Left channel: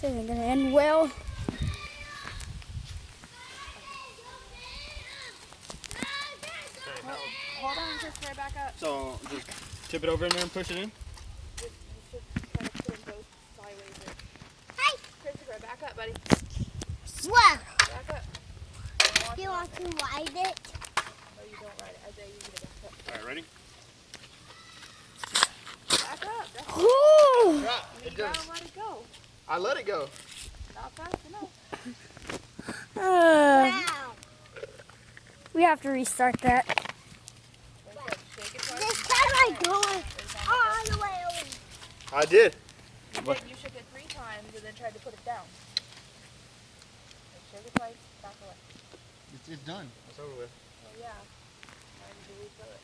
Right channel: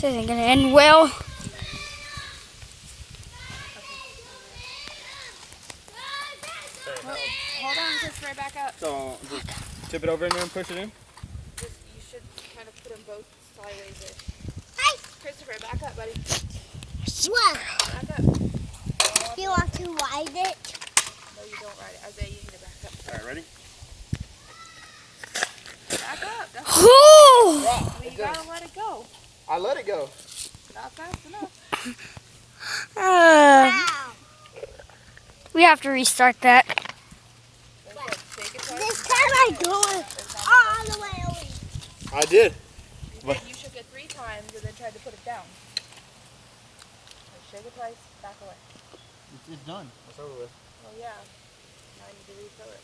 This isn't gonna end well. Hold on, Christopher, back up. So just tip it over and then push it in. You should try to put them both sideways there. Hey! Christopher, back up, buddy. What? Back up. Do you want to ride it? No, you don't ride it. Isaiah, you need to back up. All right, ready? Back up. That's Whew. you gotta let it go. I let it go. Not fast enough. Wow. We have to restart that. Shake it twice. This time I'm going all the way over. I did. Then you shook it 3 times and then tried to put it down. Shake it twice, back away. It's done. It's over with. Well, yeah. I need to refill it.